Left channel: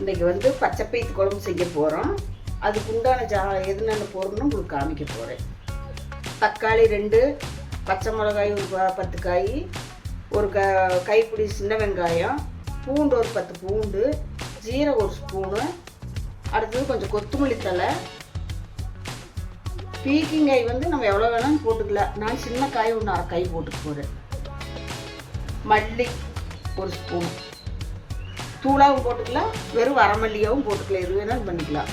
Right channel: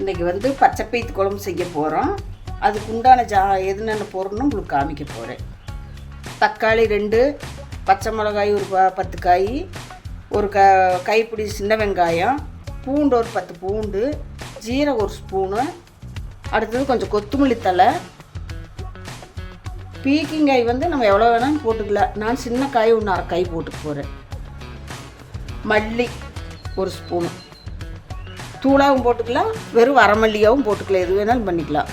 இன்றைக்கி வந்து பச்சை பயித்து குழம்பு செய்ய போகிறோம். அதுக்கு உண்டான என்னென்ன பொருள்னு உங்களுக்கு காமிக்க போகிறேன். தக்காளி 2, பச்சை மிளகாய் ஒரு 10 காய், ஒரு கைப்பிடி சின்ன வெங்காயம், பூண்டு ஒரு 10 பூண்டு, ஜீரகம் ஒரு ஸ்பூனு, அடுத்தது கொஞ்சம் கொத்தமல்லி தழை, பீக்கிங்காய் வந்து நம்ம எவ்வளோ வேணாலும் போட்டுக்கலாம். நான் சின்ன காய் ஒன்று 1/2 காய் போட்டுக்க போகிறேன். மல்லி ஒரு ஸ்பூனு, தூளாகவும் போட்டுக்கலாம், வெறும் வரமல்லியாகவும் போட்டுக்கலாம், எது வேணாலும் பண்ணிக்கலாம்.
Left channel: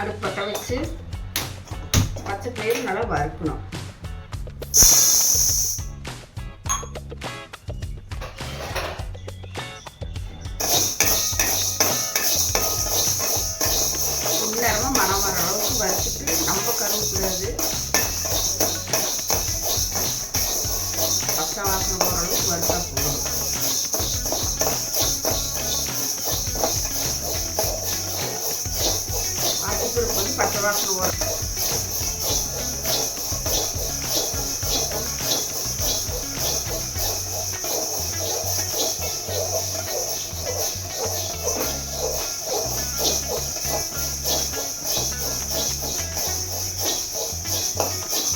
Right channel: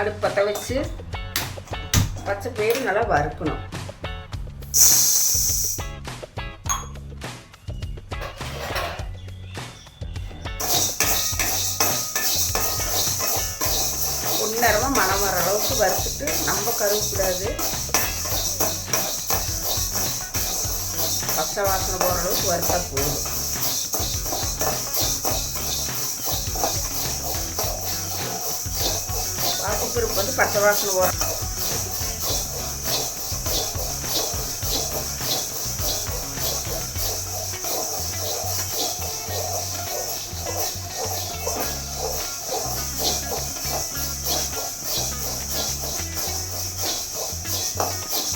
அடுப்பு பற்ற வச்சு பச்சை பயிறு நல்லா வறுக்கணும். நேரமாக மனம் வர அளவுக்கு வறுத்துட்டு நம்ம கருவேப்பிலாது பச்சை வாசனை போகிற அளவுக்கு வறுத்தா போதும். அதுக்கு வந்து பச்சை வாசனை போகிற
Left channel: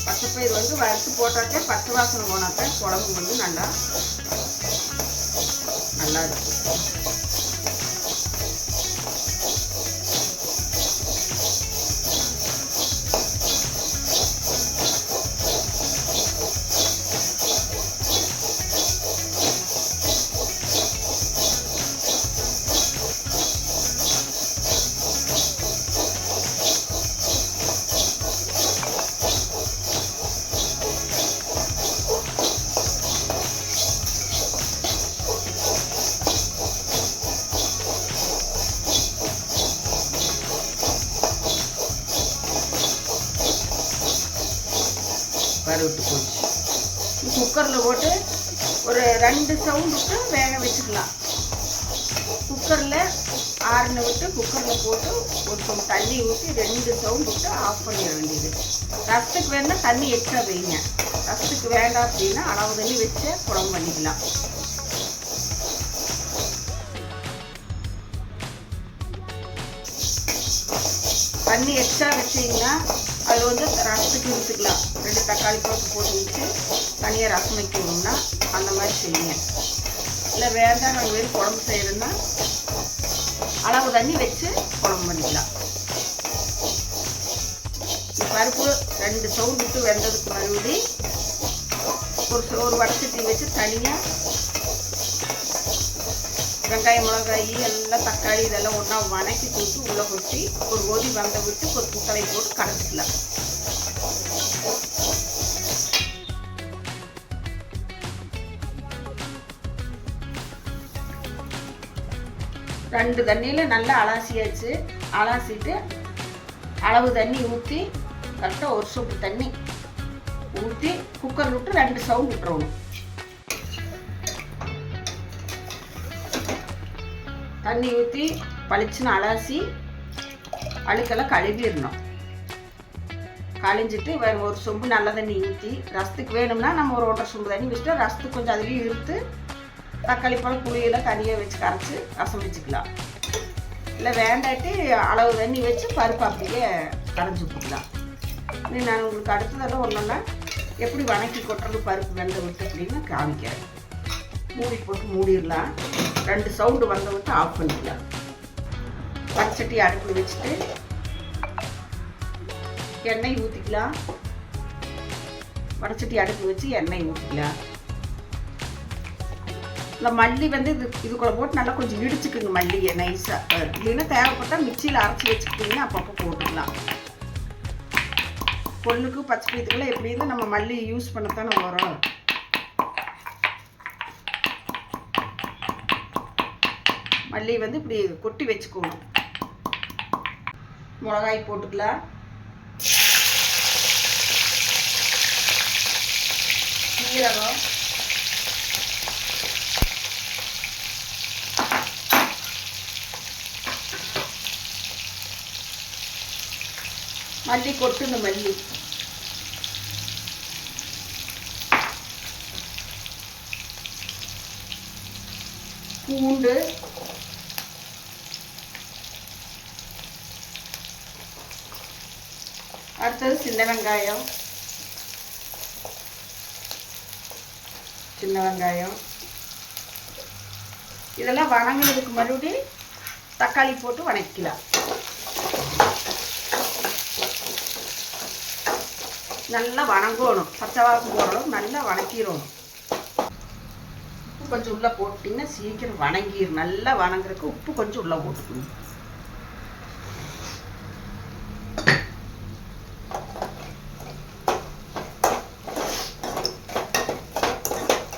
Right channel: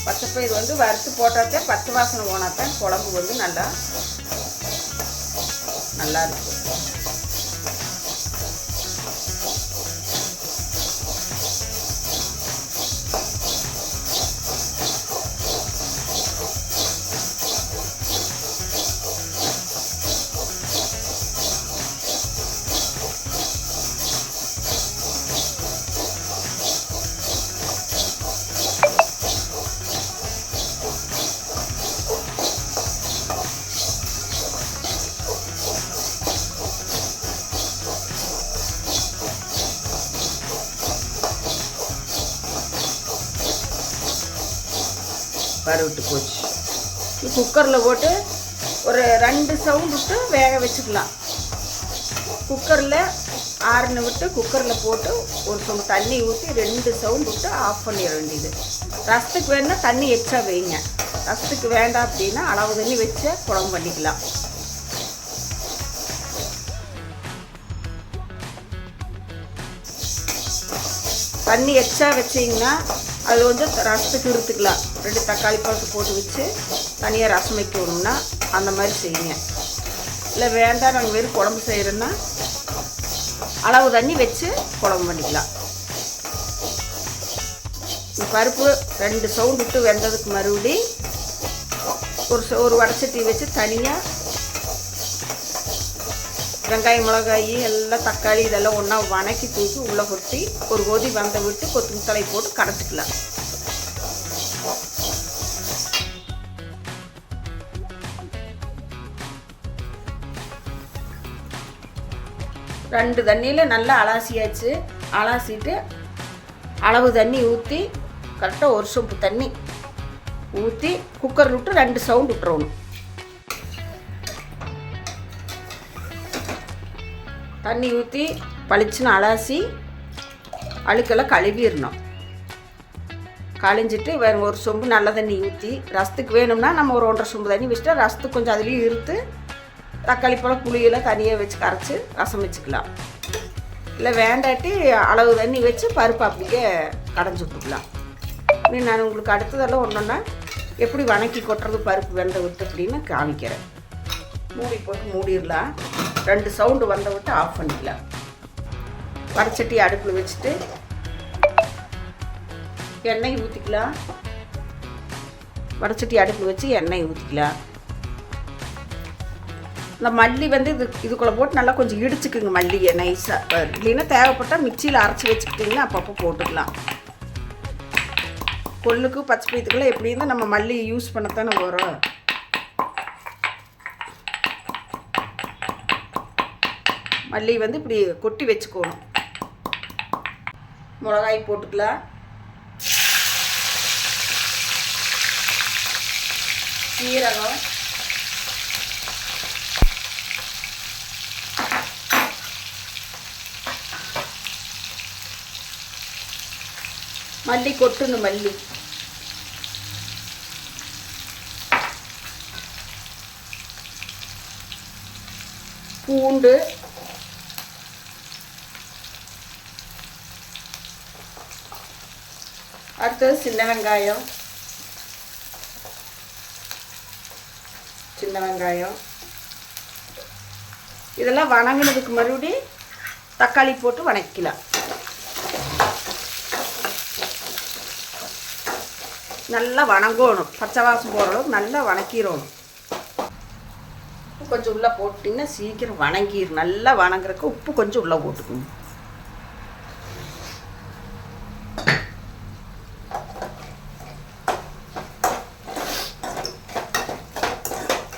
பச்சைப்பயிறு வந்து வறுத்து போட்டாட்டே பச்சை வாசனை போனாத்தான் குழம்பு வந்து நல்லா இருக்கும். வறுவிட்டு போச்சு. குக்கரில் போட்டு ஒரு 2 சவுண்ட் விட்டு வேக வச்சுக்கலாம். குக்கரில் ஆறுன விட்டு குக்கரில் போட்டு ஒரு சொம்பு தண்ணி ஊற்றி 2 சவுண்ட் விட்டு ஆஃப் பண்ணிட வேண்டியது. ரசத்துக்கு வேணுன்னா தண்ணி எக்ஸ்ட்ரா வைங்க. ரசத்துக்கு வேண்டாம் அப்படின்னா அளவு தண்ணி வச்சு குழம்பு பண்ணிக்கலாம். தண்ணி எக்ஸ்ட்ரா வச்சிங்கன்னா அது வந்து ரசத்துக்கு எடுத்துக்கலாம். 2 தக்காளி பழத்து போட்டு வச்சு தனியாக ரசம் வைக்கணும்னா அந்த மாதிரி செய்யுங்க. இல்லை வேண்டாம் நம்ம வெறும் குழம்பு செய்கிறோன்னா அளவு தண்ணி வச்சு குழம்பு பண்ணிக்கலாம். பருப்பு 2 சவுண்ட் விட்டு வெந்ததுக்கு மறுபடி ஒரு வடச்சட்டி வச்சு தனியாக வெங்காயம் மிளகாய் எல்லாம் தக்காளி இதெல்லாம் ஒன்றா வணக்கி தூக்கி உள்ளே கொட்டி ஒரு கொதி வந்த விட்டு கொத்தமல்லி போட்டு கடைச்சிக்கலாம். ரெண்டு தண்ணியில் நல்லா அலாசியாச்சு. அலாசிட்டு அளவு தண்ணி ஊற்றி கரெக்டாக ஒரு சொம்பு தண்ணி ஊற்றி குக்கர் விட்டு 2 சவுண்ட் விட்டுறணும். தண்ணி ஊற்றி பளிச்சுன்னு அலாசி அழுக்கெல்லாம் கழுவிடணும். கழிஞ்சிட்டு வேறு ஒரு சொம்பு நல்ல தண்ணி ஊற்றி ரசத்துக்கு வேணும்னா நம்ம ஒரு 1.5 சொம்பு தண்ணி வச்சுட்டு ரசத்துக்கு கொஞ்சம் அதுலேயும் இருத்து தக்காளி பழம் புளியெல்லாம் தனியாக வச்சு கரைச்சி ரசம் வச்சுக்கலாம். இல்லை வேண்டாட்டி அளவு தண்ணி வச்சு பருப்பு அப்படியே கரைஞ்சி விட்டுக்கலாம். இப்படி நான் உங்களுக்கு அடுத்ததெல்லாம் ஒன்றுன்னா எப்படி வணக்கி கொட்டுறது பருப்பு வெந்த விட்டு அப்படின்னு காமிக்கிறேன். மூடி போட்டு மூடிடலாம். 2 சவுண்டு வந்த விட்டு ஆஃப் பண்ணிக்கலாம். வடச்சட்டி அடுப்பில் வச்சுட்டு எண்ணெய் ஊற்றிக்கலாம். வடச்சட்டி அடுப்பு வச்சு எண்ணெய் ஊற்றிக்கலாம். இந்த மல்லி வந்து இதுக்குள்ளே போட்டு நல்லா கொஞ்சம் இடிச்சுக்குங்க. மல்லியை நைஸாக இல்லைன்னா தேவைப்பட்டால் மிக்சியில் அரைச்சி வச்சுக்கிட்டிங்கன்னா அப்பப்போ போட்டுக்கலாம். கொள்ளுக்கு பச்சை பயித்துக்குள்ளே எப்படின்னு நம்ம மல்லி யூஸ் பண்ணத்தானே வரும். மல்லி வந்து இப்படி கொட்டி வச்சுக்கணும். மிளகாய் போட்டுக்கலாம். சீரகம், மல்லி கொட்டணும். மல்லி பூண்டு, அடுத்தது சின்ன வெங்காயம், இதெல்லாம் வணங்கினதுக்கு மறுபடியும் தக்காளி போட்டு வணக்கலாம். நல்லா வணங்கணும், பச்சை வாசம் போடுறோம், நல்லா வணக்கிடணும். உப்பு கொஞ்சம் உள்ளே போட்டிங்கன்னா சீக்கிரம் வணங்கிடும். நல்லா வணங்குறதுக்கு உப்பு கொஞ்சம் உள்ளே போட்டுக்கணும்.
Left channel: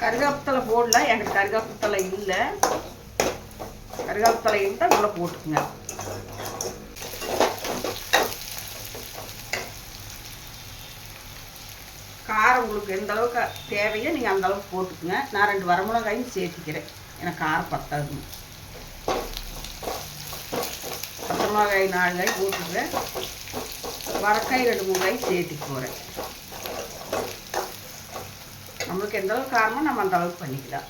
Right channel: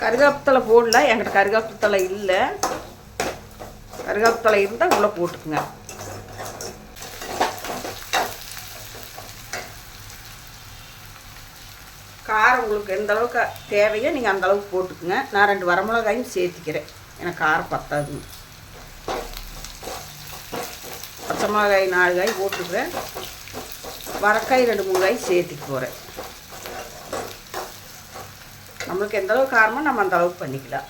கருவேப்பிலை போடல, என்கிட்ட கருவேப்பிலை இல்லை. கருவேப்பிலை இருந்தால் உள்ளே போட்டுக்குங்க. காரம் உங்களுக்கு எந்த அளவுக்கு தேவையோ நீங்கள் அந்த அளவுக்கு போட்டுக்குங்க. நான் 2 வரமிளகாயும் சேர்த்துக்கிறேன், எனக்கு காரம் பத்தாது. பச்சை மிளகாய் 4 காய் போட்டுக்கிறேன், வரக்காய் 2-3 காய் சேர்த்துக்கு போகிறேன். நம்மளுக்கு எந்த அளவுக்கு காரமோ நம்ம அந்த அளவுக்கு பண்ணிக்கலாம்.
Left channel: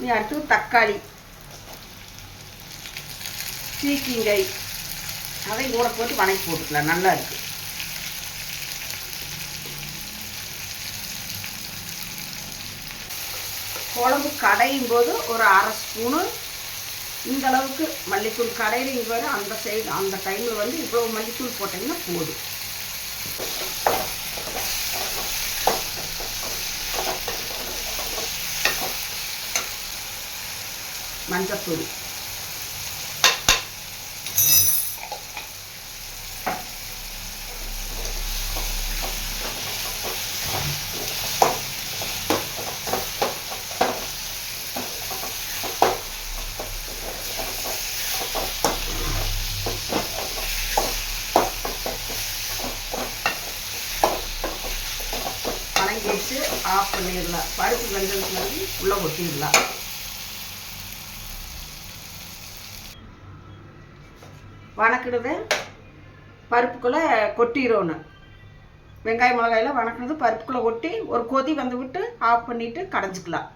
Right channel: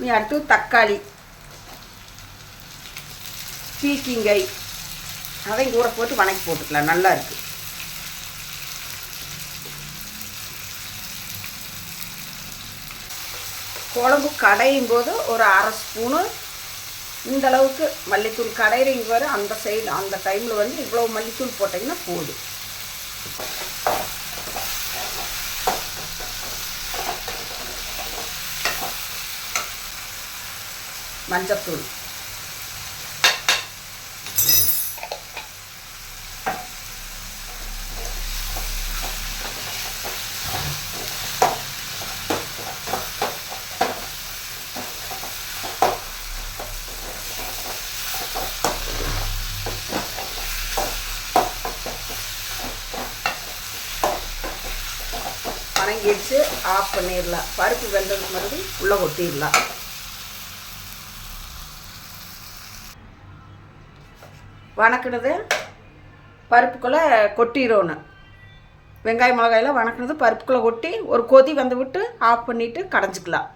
நீ அடுத்து தக்காளி, பீக்கிங்காய் அதையும் கூட போட்டு வணக்கி போட்டுக்கலாம். நல்லா இருக்கு. குழம்பு கடையும் போது ஒரு 1/2 ஸ்பூனு இந்த அளவுக்கு மல்லித்தூள் கடையிறீங்க போது அந்த சைடு அந்த டைமில் வந்து இவ்வளோ மல்லித்தூள் போட்டிங்கன்னா போதும். மஞ்சத்தூள், வச்சு ஆஃப் பண்ணிடலாம். பருப்பு வெந்தது மாதிரி உள்ளே கொட்டிடலாம். வணக்கினது பருப்புக்குள்ளே கொட்டிடணும். வெங்காய மிளகாயெல்லாம் வணக்கினது பருப்புக்குள்ளே கொட்டி ஒரு கொதி வந்து விட்டு ஆஃப் பண்ணிவிட்டு கடைஞ்சிக்கலாம்.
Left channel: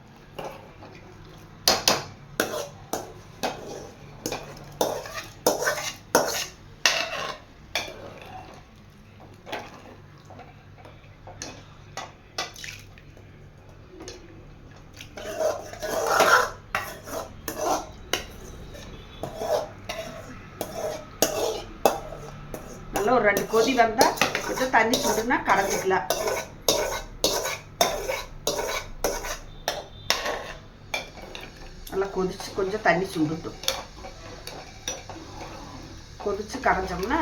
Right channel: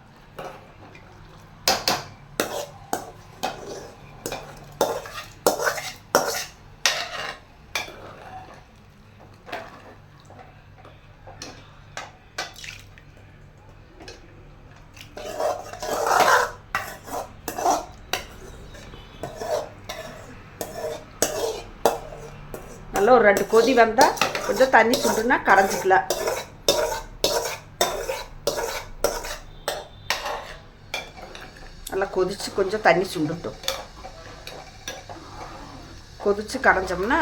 நல்லா ஒரு 2 கொதி வந்தால் கொஞ்சம் தண்ணி சுண்டுனா கடைஞ்சிக்கலாம். நல்லா கொதிச்சு கொஞ்சம் தண்ணி சுண்டுட்டும். கொதிச்சு கடைஞ்சோம்னா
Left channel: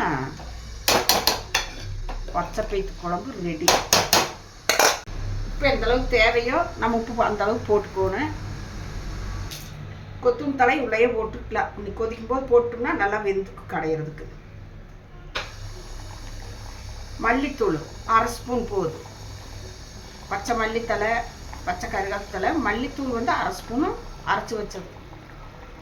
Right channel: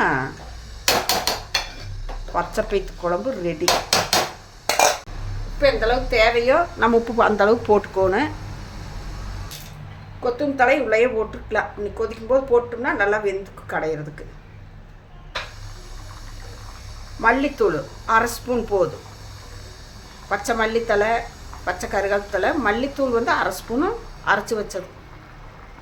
பச்சை பயிற்று குழம்பு ரெடி. உப்பு எந்த அளவுக்கு தேவையோ நம்ம உப்பு அந்த அளவுக்கு போட்டுக்கோணும். கொத்தமல்லி தழை உள்ளே போட்டுக்கலாம். இன்னைக்கு கொதிக்கும் போது போட்டோம்னா நல்லா வெந்துக்கு கடையிறதுக்கு. மல்லித்தூள் 1/2 ஸ்பூன் போதும். பச்சை மல்லித்தலை, பச்சை கருவேப்பிலை, மல்லித்தூள் வந்து 1/2 ஸ்பூனு அரைச்சி வச்சது.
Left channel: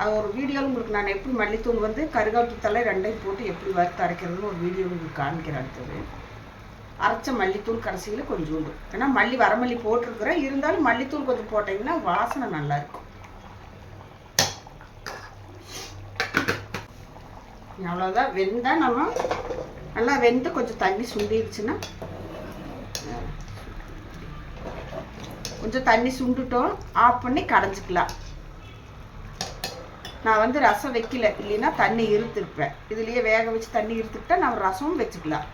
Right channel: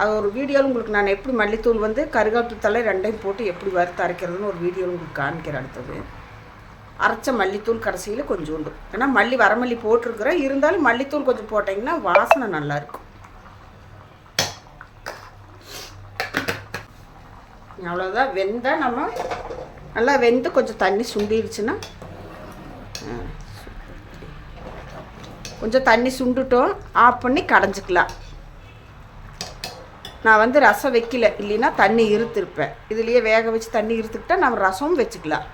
அது ஒரு வீடியோவில் உங்களுக்கு நான் எப்படி மல்லித்தூள் வந்து கருவேப்பிலை 2ஐயும் போட்டு எப்படி வறுத்து அரைக்கிறதுன்னு ஒரு வீடியோ உங்களுக்கு காமிக்கிறேன். அடுத்தது அரைச்ச மல்லித்தூள் கடைசியில் கொஞ்சோண்டு, ஏன்னா வரமல்லி போட்டிருக்கிறேன், இருந்தாலும் மல்லித்தூள் கொஞ்சம் போட்டிங்கன்னா வாசனை நல்லாயிருக்கும். அவ்வளோதான். வெந்தால் நம்ம நல்லா வெந்து கொஞ்சம் தண்ணி சுண்டிடுச்சுன்னா, கொஞ்சம் தண்ணி சுண்டுட்டோம் ஆஃப் பண்ணி கடைஞ்சிக்கலாம். நான் வந்து ரசம் வைக்கல, இல்லைன்னா தண்ணி இருத்திருப்பேன். இதுலேயே வேக வச்சு தண்ணி இருத்துக்கிட்டா நம்ம ரசமும் வச்சுக்கலாம்.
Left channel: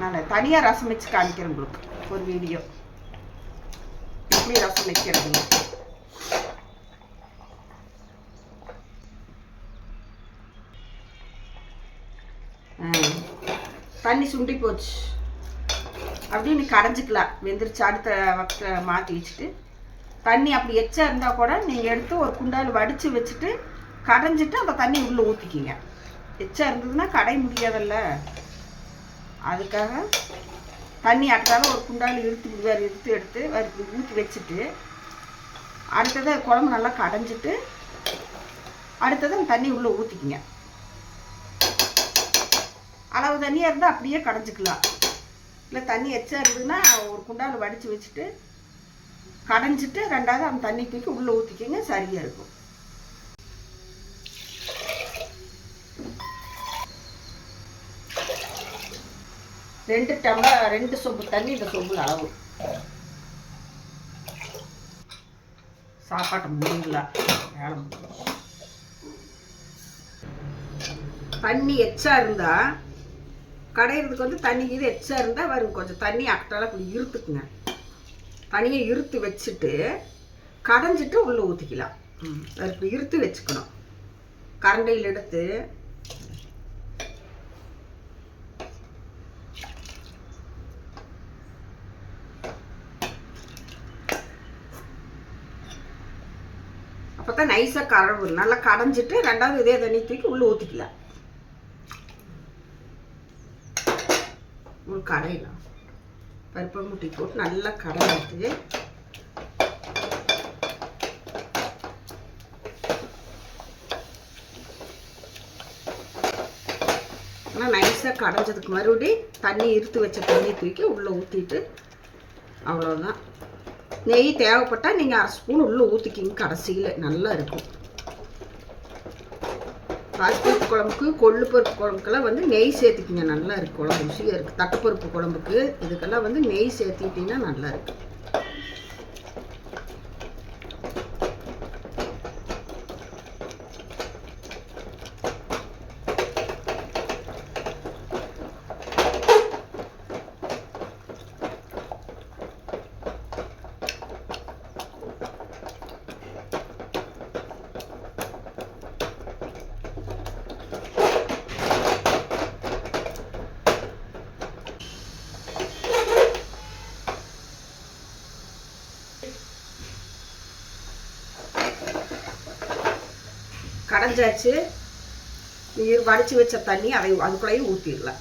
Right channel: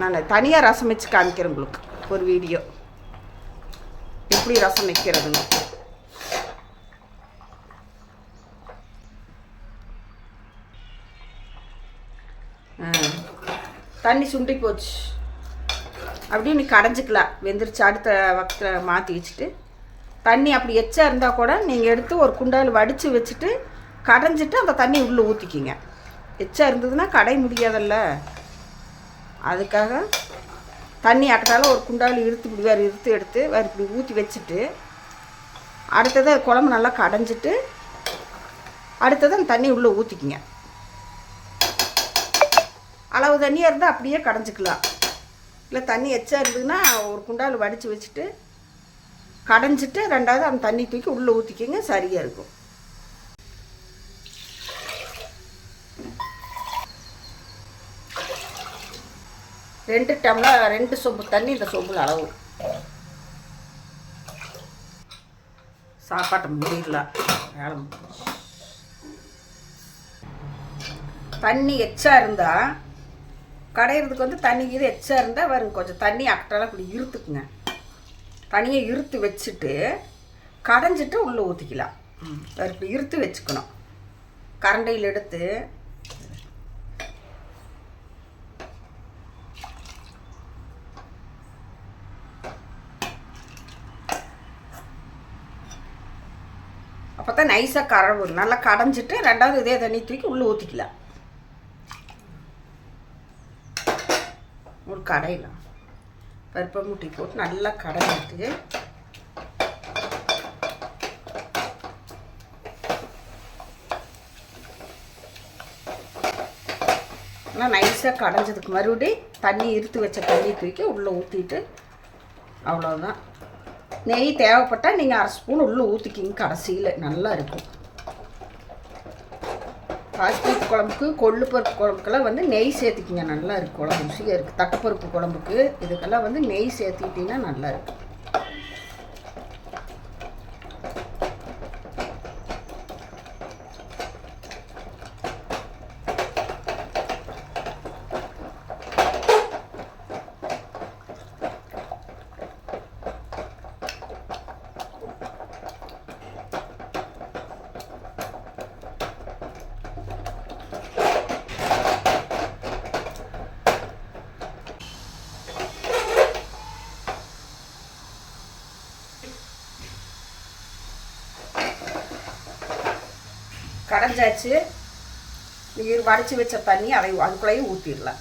நான் தனியாக ரசம் வச்சு காமிக்கிறேன் உங்களுக்கு ஒரு வீடியோ, எப்படி ரசம் வைக்கிறதுன்னு. தண்ணி சுண்டி போச்சு அப்படின்னு கடைஞ்சிக்கலாம். வெந்துருச்சு. அடுத்த வக்கத்தில் மாற்றி வச்சுட்டு தண்ணி அப்படி எச்சா இருந்தால் கூட நீங்கள் எடுத்து ஒரு குண்டாயில் வடித்து வச்சுட்டு கடைஞ்சிட்டு அந்த தண்ணி உள்ளே ஊற்றிக்கிங்க. எச்சா இருந்ததுன்னா கடை முடியாதல்ல, அதுக்காக தண்ணி அட்டால ஒரு குண்டாயில் இருத்து எடுத்து வேறு இப்படி ஊற்றி வச்சுட்டு அடுத்தது குழம்பு நல்லா கடைஞ்சிட்டு அடுத்தது அந்த தண்ணி உள்ளே ஊற்றிக்கிங்க. அளவு தண்ணியாக இருந்தால் அப்படியே கடைஞ்சிக்கலாம். இல்லை தண்ணி எச்சா இருந்ததுன்னா ஒரு குண்டாயில் வடித்து வச்சுட்டு கடைஞ்சிட்டு ரெண்டாவது அந்த தண்ணி தூக்கி உள்ளே ஊற்றிக்கிங்க, சரியாக இருக்கும். ரெண்டு டம்ளர் 2 சொம்பு தண்ணி இந்த சொம்புல அளவு. சாப்பாட்டை முடியல தண்ணி எச்சா இருந்தால் கடையிறதுக்கு வந்து தண்ணி இது எச்சா இருந்தால் வரும். கொஞ்சம் தண்ணி அக்கட்டெல்லாம் இப்படி இருத்துக்குங்க. தண்ணியை இருத்து வச்சுட்டு கடைஞ்சிட்டு உள்ளே ஊற்றிக்கலாம். இப்படி இருத்து வச்சுக்கணும். கரண்டையில் எடுத்து அப்போ தான் நைஸாக கரவும். நல்லா கடைஞ்சிட்டு ரெண்டாவது இதே தண்ணி தூக்கி உள்ளே ஊற்றிக்கலாம். ஒரு கடையில் பருப்பை முட்டி போட்டு நல்லா கடைஞ்சிட்டு நல்லா நைஸாக கடைஞ்சதுக்கு மறுபடியும் தண்ணி இருத்து வச்ச தண்ணி தூக்கி உள்ளே ஊற்றிட்டு அவ்வளோதான். நெய் தேவைப்பட்டால் நீங்கள் 1/2 ஸ்பூன் உள்ளே ஊற்றிக்கிங்க. கடைசியில் நல்லா இருக்கும். பாசிப்பருப்பு குழம்புக்கு கொள்ளு பருப்பு குழம்புக்கெல்லாம் வந்து நெய் சேர்த்துக்கிங்க, நல்லா இருக்குது. குழம்பு ருசியாக இருக்குது. தட்டைப்பருப்பு குழம்புக்கு இதுக்கெல்லாம் வந்து நெய் சேர்த்துக்கிட்டிங்கன்னா நல்லா இருக்கும். கடைஞ்சாச்சு. நீர் வடித்து வச்ச தண்ணி அதை அதுக்குள்ளேயும் ஊற்றிடலாம்.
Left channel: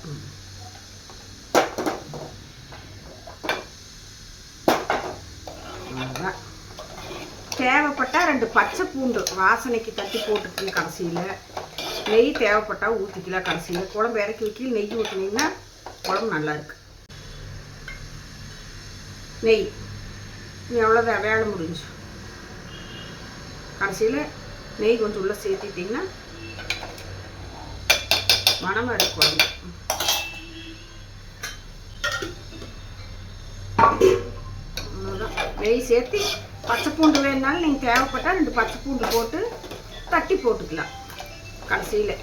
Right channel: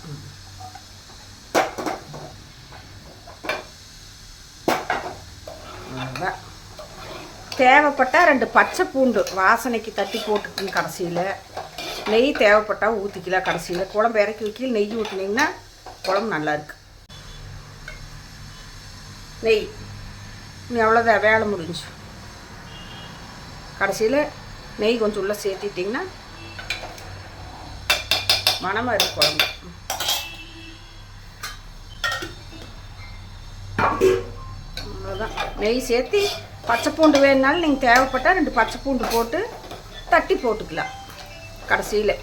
தேவைப்பட்டால் 2 பச்சை பூண்டு வாசனைக்கு தட்டி போட்டுக்கணும். கடைசியில் நெய் தேவைப்பட்டால் ஊற்றிக்கலாம். கடைசியில் குழம்பு இறக்கி வைக்கல நெய் ஊற்றினீங்கன்னா குழம்பு நல்லாயிருக்கு. நெய் எவ்வளோதான் வேலை முடிஞ்சு. கடைசியில் நெய் கொஞ்சம் உள்ளே சேர்த்திட்டிங்கன்னா மணமாக இருக்கும் குழம்பு. அவ்வளோதான். நெய் சேர்த்து பச்சை பூண்டு வேணுனாலும் நீங்கள் தேவைப்பட்டால் 2 பச்சை பூண்டு போட்டு தட்டி போட்டுக்கலாம். கடைசியில்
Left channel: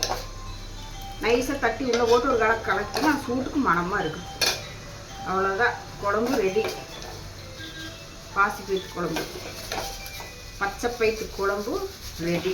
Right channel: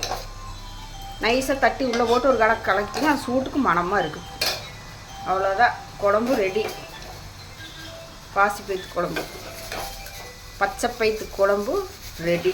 நைஸாக தட்டி உள்ளே போட்டு ஒரு கடை கலக்கினா சூட்டுக்கு மணமாக இருக்கும். அவ்வளோதான், குழம்பு ரெடி. பாசிப்பயிறு குழம்பு, பச்சை பயிற்று குழம்பு ரெடி.